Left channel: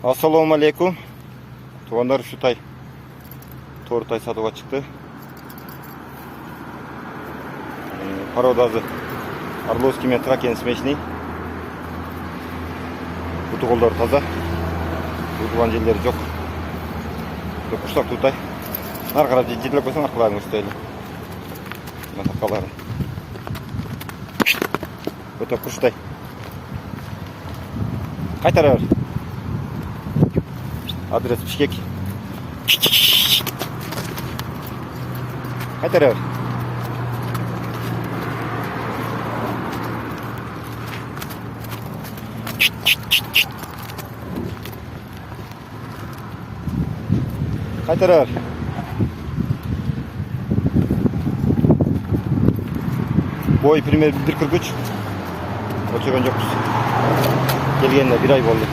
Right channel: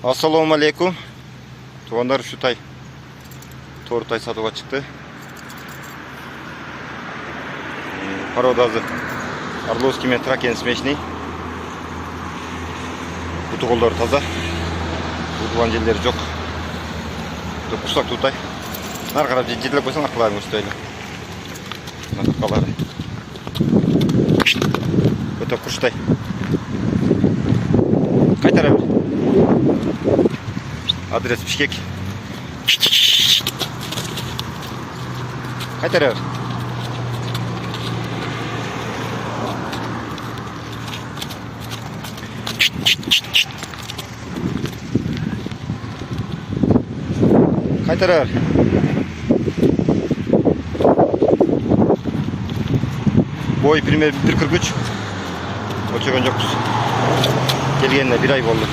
Assalamu alaikum. Туғандар şu tay. Торы тай сатуға çıktı. Породасы Орловский мен Тракен смешный. Бұты қолдары таза. Бұтылған жерлері жоқ. Құстақ тутай. Нар қарап жетіліп қойсан арқыларын өстейлі. Мына тақалары. Өте құштай. Қайтара бер. Адрес Бишкек. Қайтара бер. Қайтара бер. Boy пример 1.43. Ölçegen жоқпыз. Келгеніне 1 ай болды.